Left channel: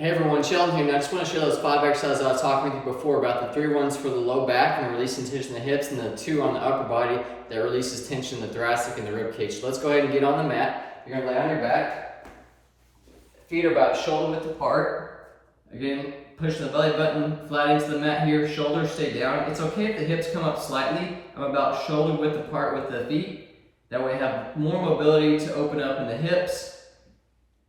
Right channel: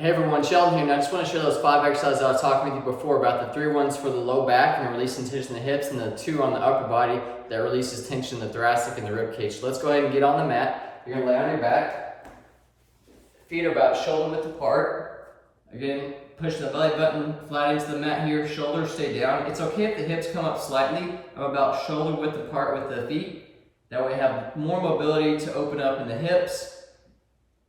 Hey everyone, Sheldon here, and I just want to show those 5 exercises I was talking with you before about the 3 ones for the low back and releasing tension in the hips, and the 2 on the upper body that releases tension in the thoracic and the rib cage. So let's go ahead and get on the mat. You're going to lay on your back. Feet are about shoulder width apart. Again, pushing the belly button flat into the mat here. Shoulders stay down. It's okay if the hips come up slightly. I'm about shoulder width apart with the feet. That way I have more mobility to open up in the hips.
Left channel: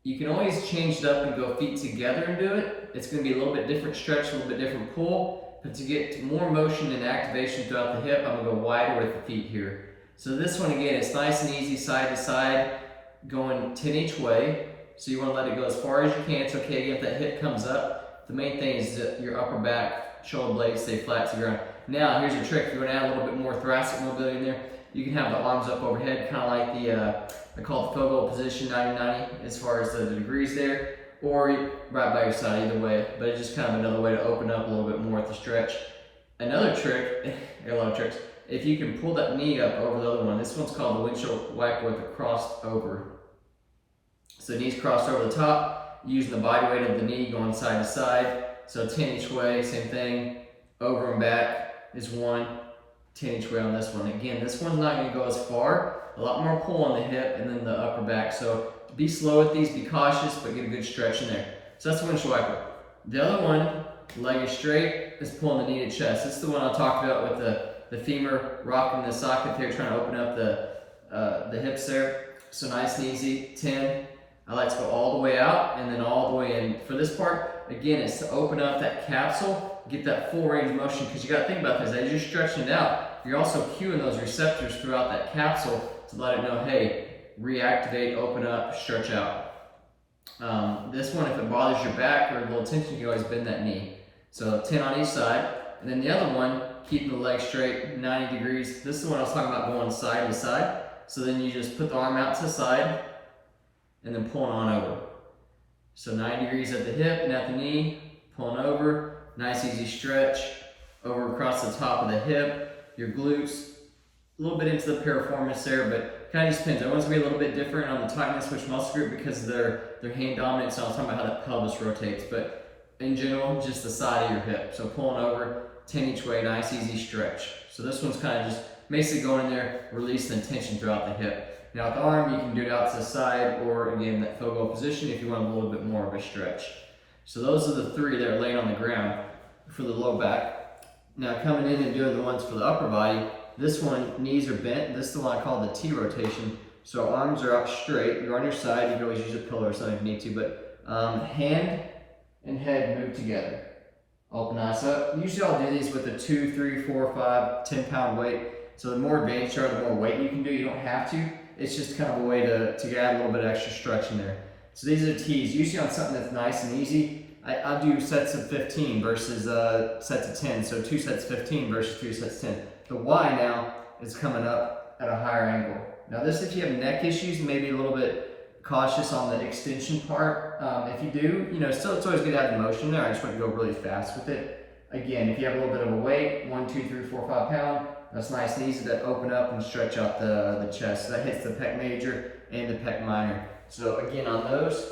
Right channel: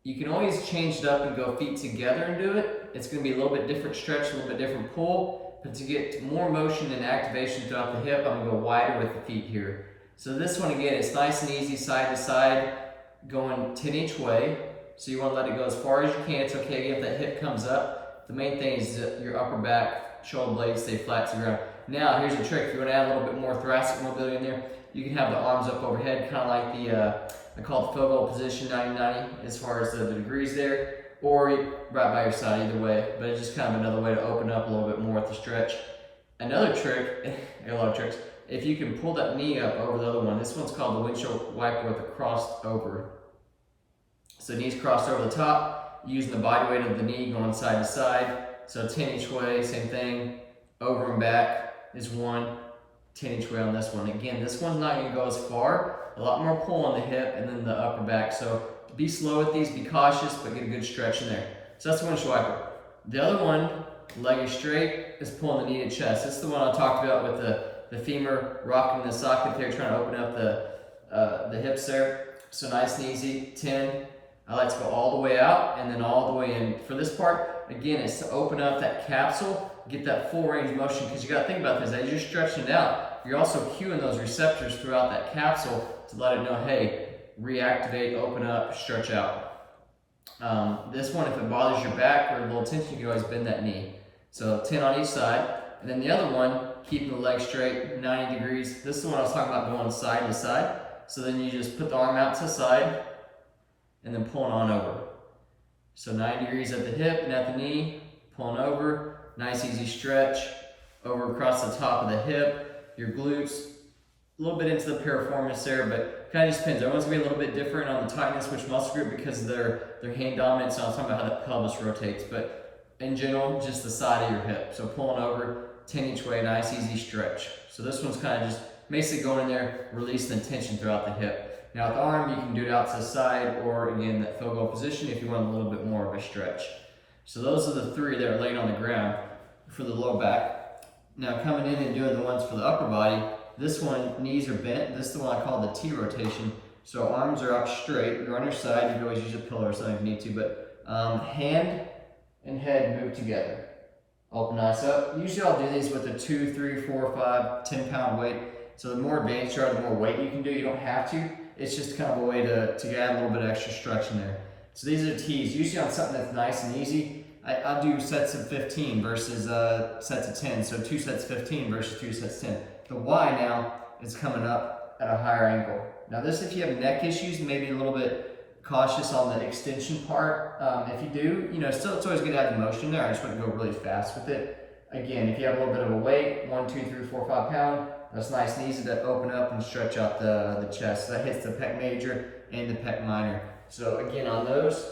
You can always change it up and go feet together and do it. It's going to be a little bit different stretch, a little bit different pull. But to get more motion and activation throughout the hip, I'm going to go wider with the feet here. So this one, again, it's nice and easy, side to side, going 10 each way. So you want to let it go as far as you can. It's okay if that hip comes up. The main thing is that your upper back, shoulder blades stay flat to the ground. Now, here's a trick. If you want to add a little bit more thoracic mobility in there, you can have the arms up overhead, kind of like the, I call it the fogo position, 90-90, as far as the degrees there, or right by your side, either way. But it's just kind of another way to open up a little bit more with the stretch. Another trick, a lot of tricks, if you can pull that knee up over the other one, this one's called the windshield wiper with the crossed over. So knees crossed over the top, using the body weight of the knee going side to side. So 10 each way, same thing, over and back is 1. 10 each way on this one. Again, this one's not going to go as far. A lot more pull on the hip and then the upper back. So be slow with these, be cautious, but get a good stretch in there. So that's the windshield wiper. The other one, leg is straight, is pulling the knee to chest. This is the one I talked about with the femur rocking the socket there, trying to open up the hips there. So nice and easy. 10. I like to go all the way out and then all the way in. For this part, again, it's to open up that capsule, get that full range of motion, because you got to think about this. As you're stretching it out, you're also cueing those receptors throughout that capsule to let it know, hey, reactivate, open up, stretch out. This one, if it bothers your back or a little tension, you can always bend that knee. So 10 on each side. And then the other one, keeping the leg straight, 90 degrees. This is the one I was talking about going side to side. So then you just put the arm out to the side and then pulling on over. So 90 degrees at the hip and at the knee, pulling over. Nice easy stretch over across the top of the hip, your glutes, a little bit into the piriformis there, but kind of just depends. Everyone's gonna be a little bit different on the tightness which muscle group because they're hand dominant, so I'm talking about how that pelvis rotates, but in general, just the side of your hip. So pulling over, 10 each way, nice easy stretch. So this one's kind of just basically going in there, releasing tension throughout the hip. Now with the arm, you can do it out to the side or again, that fogo position if you want a little bit more of a stretch. So those are the 3 that are laying on the ground for the low back. Now coming in and doing the ones for the upper body, this one, knees are bent. This is the one I call the T rotation. So arms are up straight. You're on your side. You can always use a pillow or something if you need to, but hand and head move together. Open eyes up. Usually I'll do these with a 2, 3, 4, 5, 10-pound weight. So the more advanced you are, the more weight you can do. You don't have to. It's just kind of a way to add a little bit of extra stretch in there. So these are T's. Usually on something that's nice and easy, I'll do sets of 15 versus sets of 10. So 2 sets 15 versus 3 sets 10. The Y now is coming up at a higher angle. Now this, if you have neck issues, maybe a little bit cautious on the extension part. If you do, still it's always good to add the motion there. I just want to go really fast with it. Again, if you have a little bit of a weight, 1, 2, 3, 4, 5 pound, that's nice and easy to open up and stretch out the chest. So that hits the pec major and the pec minor. So again, on those,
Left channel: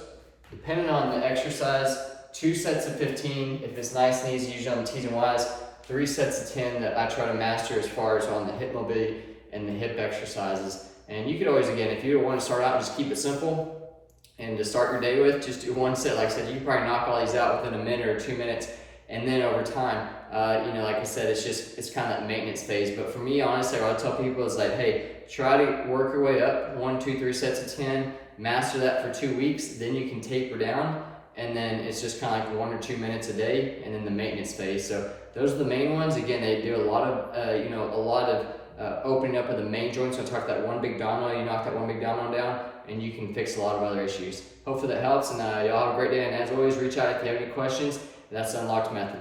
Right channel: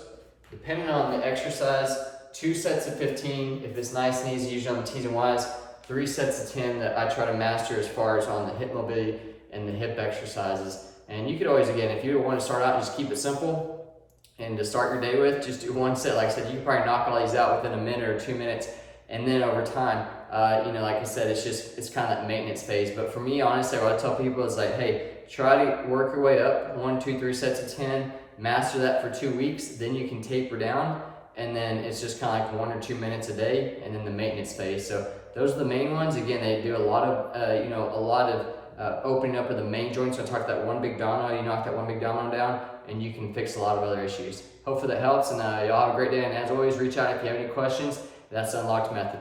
depending on the exercise, 2 sets of 15, if it's nice and easy, usually on the T's and Y's, 3 sets of 10 that I try to master as far as on the hip mobility and the hip exercises. And you could always, again, if you want to start out, just keep it simple and to start your day with, just do 1 set. Like I said, you can probably knock all these out within a minute or 2 minutes. And then over time, like I said, it's kind of that maintenance phase. But for me, honestly, what I tell people is like, hey, try to work your way up 1, 2, 3 sets of 10, master that for 2 weeks, then you can taper down. And then it's just kind of like 1 or 2 minutes a day, and then the maintenance phase. So those are the main ones. Again, they do a lot of, opening up of the main joints. So I talked that one big domino, you knock that one big domino down, and you can fix a lot of other issues. Hopefully that helps, and y'all have a great day. And as always, reach out if you have any questions. That's the Unlocked Method.